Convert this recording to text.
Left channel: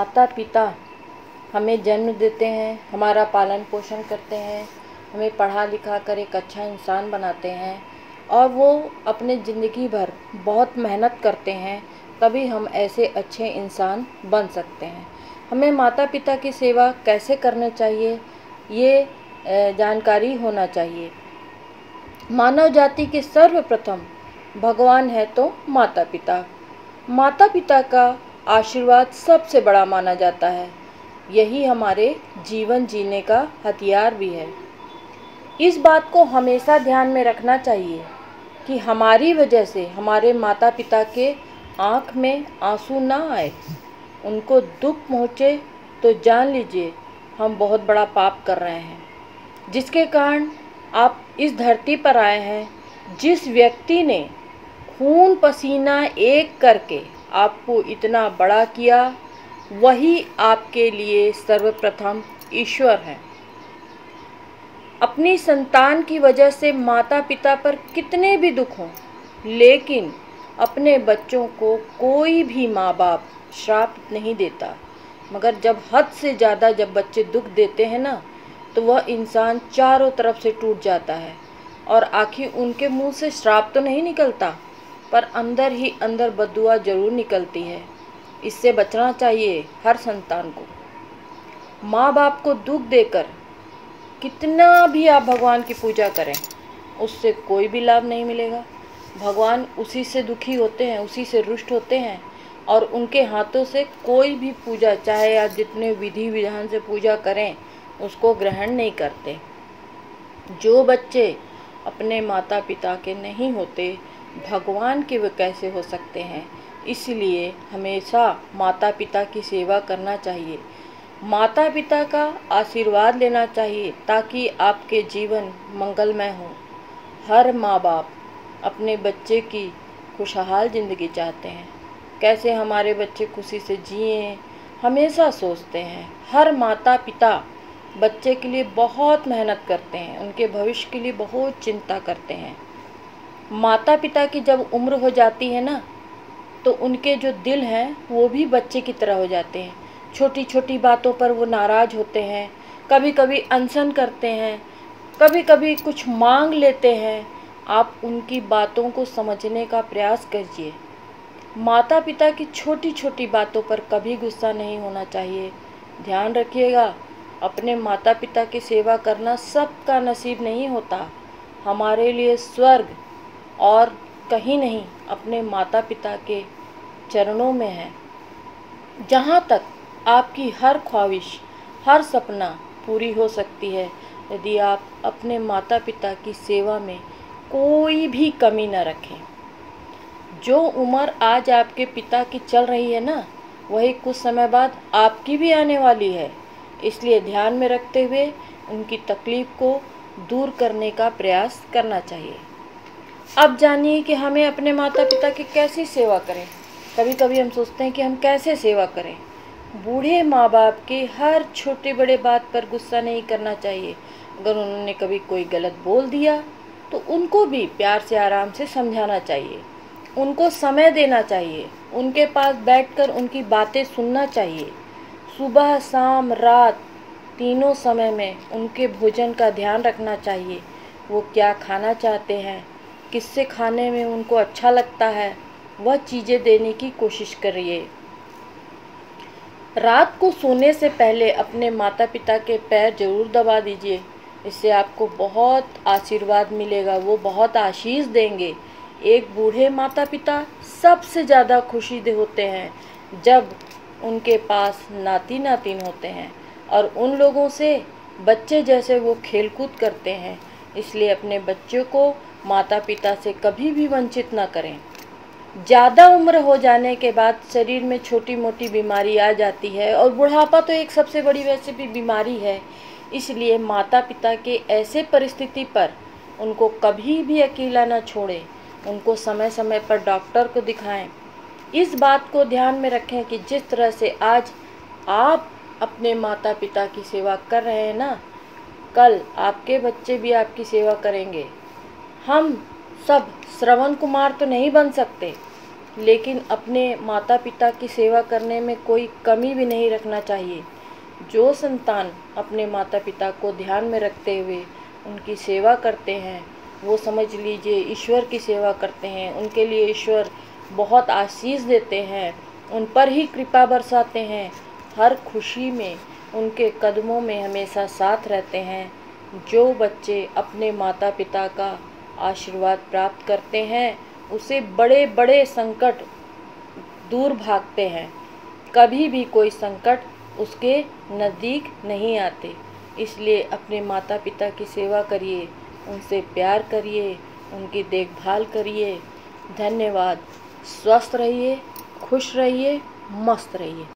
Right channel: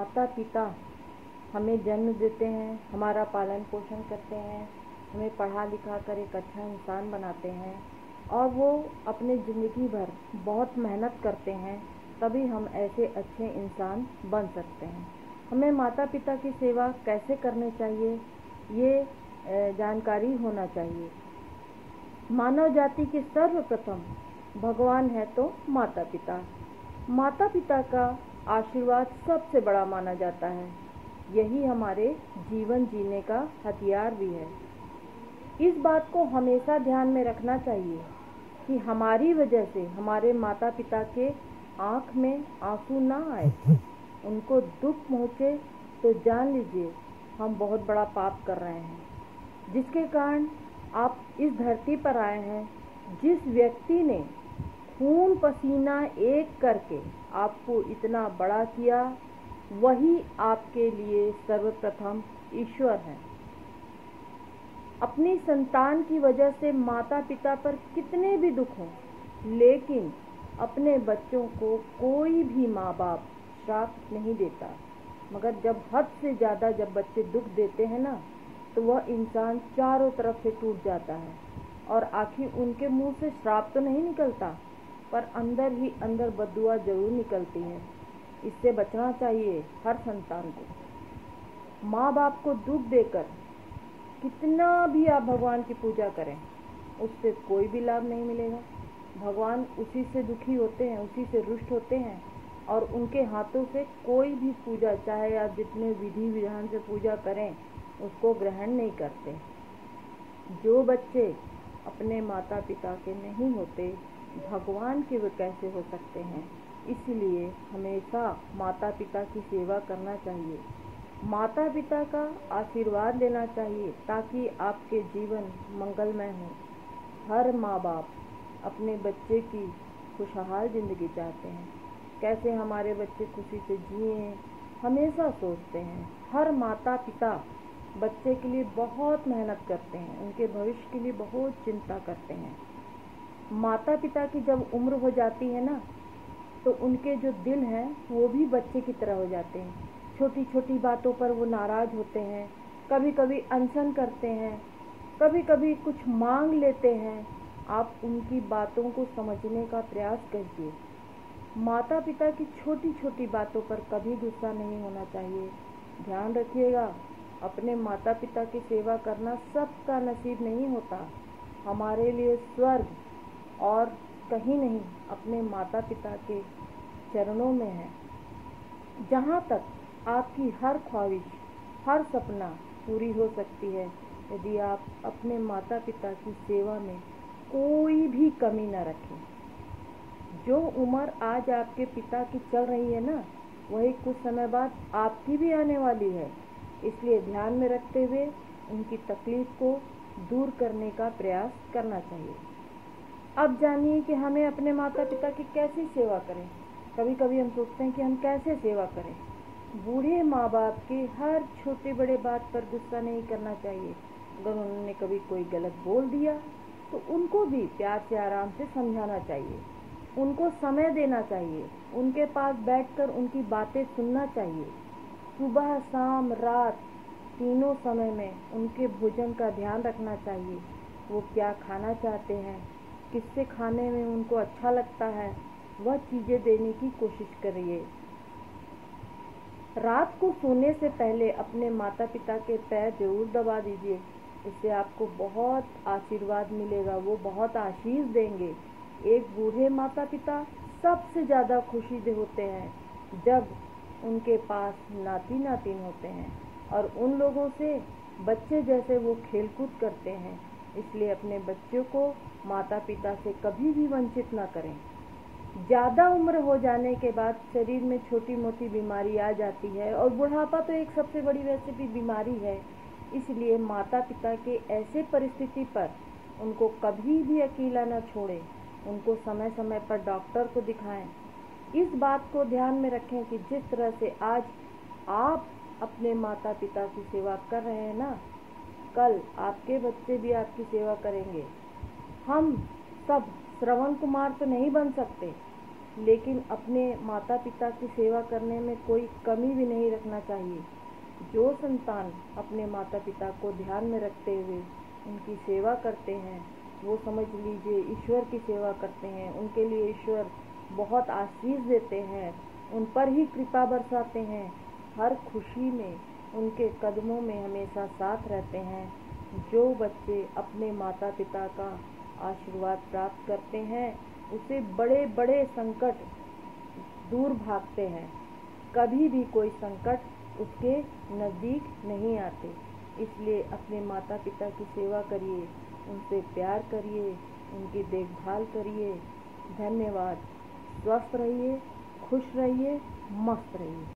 माता पिता हमें जन्म देते हैं, हमारा पालन पोषण करते हैं, हमें पढ़ा लिखा कर एक अच्छा इंसान बनाते हैं और वो अपने ज़िंदगी भर बहुत मेहनत करते हैं, तभी हम ऐसे अच्छे इंसान बन सकते हैं। हमें माता पिता की सेवा कैसे करना चाहिए, ये जानकारी होना चाहिए। मानव जाति के सर्वप्रथम भगवान है तो माता पिता। माता पिता का आशीर्वाद सबसे बड़ा माना जाता है। यही हमारे जीवन जीने का हथियार भी है। इस बात को हमेशा ध्यान में रखना चाहिए कि हमारी वजह से हमारे माता पिता के आँख में आंसू ना आए, उनको दुख पहुँचे तो जान लीजिए हम बहुत बड़ा पाप कर रहे हैं, जिसके कारण आप इस धरती पर आए हैं। जिस व्यक्ति ने खून पसीना एक करके आपको इतना बड़ा किया, वही आपके लिए सर्वप्रथम ईश्वर है। अपनी संतान की वजह से माता पिता पर कितने भी दुख हों, लेकिन अपने बच्चों को कोई भी माँ बाप श्राप नहीं देता। मगर जब हद से ज़्यादा जब बच्चे दुख देते हैं ना, तो वह इंसान चारों तरफ से टूट जाता है और आखिर उनके मुंह से श्राप तो नहीं निकलता, पर अंदर ही अंदर बद्दुआ जरूर निकलती है। इससे बचना चाहिए हर संतान को। माँ बाप को दुख देकर कितना भी आप भगवान की पूजा करें, उससे कोई भी लाभ नहीं मिलेगा। भगवान उसी से दुखी होते हैं, उसी से रुष्ट होते हैं और उनके हाथों से कोई भी पूजा, चाहे आप जितने विधि विधान से पूजा करें, उसको ग्रहण नहीं करते। जो बच्चे अपने माता पिता के नहीं होते, भगवान के वे कैसे हो सकते हैं। इसलिए हमेशा माता पिता की सेवा करना चाहिए, माता पिता का आशीर्वाद लेना चाहिए, ताकि आपके जीवन मंगलमय हो। हर माँ बाप अपने बच्चे की खुशहाल ज़िंदगी चाहते हैं, कैसे हमारे बच्चे खुशी से जिएं, हमेशा सोचते हैं। हर माता पिता बच्चे के लिए बहुत मेहनत करते हैं, उनके भविष्य के लिए बहुत चिंता करते हैं। माता पिता की जब उम्र हो जाती है ना, तो उनके जो दिल हैं वो भी बच्चे की तरह हो जाते हैं। छोटी छोटी बातों पर वो नाराज़ होते हैं, कभी कभी अनशन करते हैं, कभी कभी कुछ मांग लेते हैं। आप उनकी बातों को समझने का प्रयास कीजिए। माता पिता की छोटी छोटी बातों पर कभी गुस्सा नहीं होना चाहिए। ध्यान रखिएगा, अपने माता पिता की सेवा करना सबका नसीब नहीं होता। हमारे लिए स्वर्ग और कहीं नहीं, अपने माता पिता के चरणों में है, जहाँ तक आपकी हर ख्वाहिश, हर सपना पूरी हो सकती है, यदि आप अपने माता पिता की सेवा में कोई भी कमी न रखें। जो उम्र आज आपके पिता की चल रही है ना, वही कुछ समय बाद आपकी भी आने वाली है। इसलिए ध्यान में रखते हुए उनकी तकलीफ को दूर करने का प्रयास करना चाहिए। अब जानिए कि हमें अपने माता पिता की कैसी सेवा करें। कभी कभी हम सोचते हैं कि हम कैसे सेवा करें। बूढ़े माँ बाप के हर छोटे बड़े बात पर गुस्सा नहीं करना चाहिए। अगर उन्होंने कभी कोई गलत बोल दिया तो उनको भी प्यार से आराम से समझाना चाहिए, उनको समय देना चाहिए, उनके पास बैठकर उनकी बातें सुनना चाहिए। सुबह शाम रात तीनों समय में उनके भोजन का ध्यान रखना चाहिए। वो क्या खाना चाहते हैं, किससे खाने में उनको अच्छा लगता है, वह चीज़ें देने की कोशिश करिए। रात को सोने से पहले अपने माता पिता के पैर जरूर दबा दीजिए, इससे आपको बहुत आशीर्वाद मिलेगा, वो बहुत आशीष देंगे। एक बूढ़े माता पिता सबसे ज़्यादा खुशी होते हैं जब उनके पास नाती नातिन होते हैं और उन लोगों से बच्चे जैसे वो खेलकूद करते हैं। इसलिए अपने बच्चों को माता पिता से कभी भी वंचित ना करें। ज़्यादा उम्र हो जाने के बाद शरीर में छोटी मोटी बीमारी आ जाती है और बुढ़ापा तो एक सबसे बड़ी वैसे भी बीमारी है। इसलिए माता पिता के ऐसे परिस्थिति पर उनको कभी भी अकेला ना छोड़ें, उनको समय समय पर डॉक्टर को दिखाएं। इस बात को ध्यान में रखें कि जिस तरह से आज आप अपने माता पिता की सेवा कर रहे हैं ना, कल आपके बच्चे भी आपकी सेवा करेंगे। हम सब श्रवण कुमार तो नहीं बन सकते, लेकिन अपने माता पिता की सेवा करने में कोई कमी भी नहीं रखना चाहिए। जो संतान अपने माता पिता को ध्यान में रखते हुए उनकी सेवा करते हैं, वो समझ लीजिए ईश्वर की सेवा करते हैं। उनके लिए ईश्वर बहुत आशीष देते हैं, उन पर ही कृपा बरसाते हैं। हर खुशी में उनके कदमों में हमेशा साथ रहते हैं। जो बच्चे अपने माता पिता का आशीर्वाद प्राप्त करते हैं, उसे बड़े बड़े संकट दूर भागते हैं। कभी भी कोई संकट उसके नज़दीक नहीं आते। इसलिए अपने माता पिता की सेवा करिए, उनसे प्यार करिए, उनकी देखभाल करिए। धन्यवाद। स्वस्थ रहिए, खुश रहिए, मस्त रहिए।